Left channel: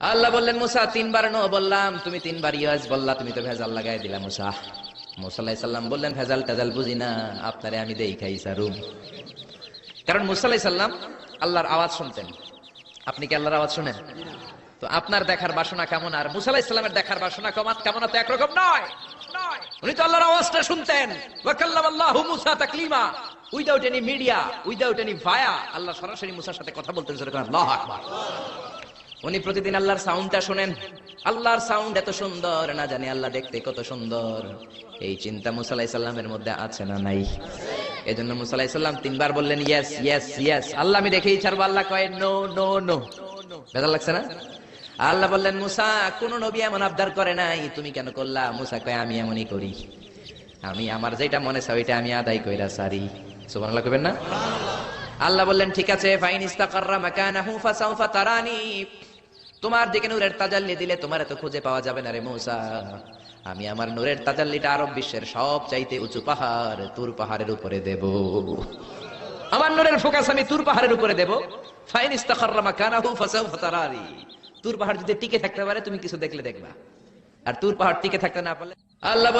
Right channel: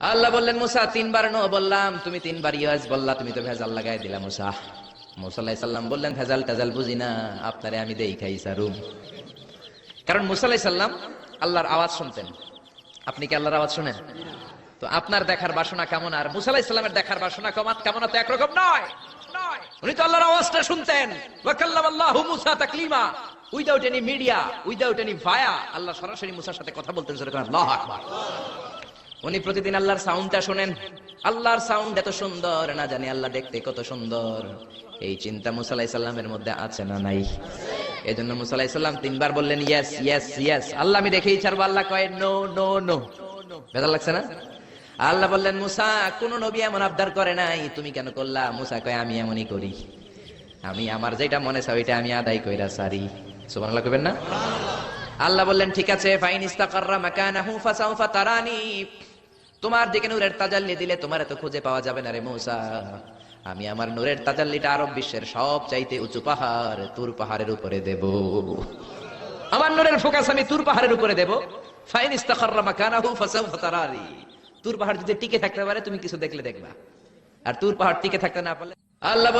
আল্লাহ বললেন, মুসা, তিনবার ন বললাম। তুমি তিনবার ইয়াজ বললা, তুমি তো ভেজাল লাগাই দিলে, মুসা। মুসাল্লাহ সাল্লাম বললেন, ভেজাল টাজাল বুঝি না। আপনারে আমি দেই খাই সারুম কারণ মুসাল্লাহ সাল্লাম আল্লাহর আওয়াজ শুনতেন। আপনি কি আল্লাহর আওয়াজ শুনেন? তো আপনার দেখার বাসনা কেমন? আর মুসাল্লাহ ইসলামের দেখার বাসনা কেমন কেমন? তো একরকম নয়। উনি তো আল্লাহর আওয়াজটা শুনতেন। ওয়াকাল্লাম আল্লাহু মুসা তাকলিমা। Without any media, without any via, Allah সরাসরি মুসার সাথে কথা বলতেন, যেরকম আল্লাহ আকবার। উনি প্রতিদিন আল্লাহর সাউন্ডটা শোনেন। আল্লাহর সাউন্ড এত সুন্দর, না জানি আল্লাহ দেখতে কত সুন্দর। এই চিন্তা মুসালাই সাল্লামের মধ্যে আছে না নাই? এই জন্য মুসালাই সাল্লাম তিনবার বললেন ইয়েস ইয়েস ইয়েস আল্লাহ আমি দেখেই ছাড়বো, আল্লাহ কয় নো নো নো বেজার লাগছে না? আল্লাহ বললেন, মুসা, কোন নবী এমন আবদার করে নাই। তুমি কেন করলা? মুসা কয়ে, আমি এমনই করি। আমি আমার যেটা মনে চাই, ওইটা আমি আদায় কইরা সারি সুবহানাল্লাহ কবেন না? আল্লাহ বললেন, ঠিক আছে তোমার দিকে নূরের তাজাল্লি দিলে তোমার এত খুঁজে পাওয়া যাবে না রে মৌসা। আমি আমার নূরের তাজাল্লিটা আরব বিশ্বের সব চাইতে উঁচু পাহাড়, তুর পাহাড়ের উপরে দেব। আমার নূরের ফোকাস আমি তুর পাহাড়ের উপরে দেব। ফাইন ইস্তাকাররা মাকানাহু তুর পাহাড় যদি টিকে থাকতে পারে, তুমি কিছু দেখলে দেখবা। আর তুর পাহাড় টিকে থাকতে না পারলে আল্লাহ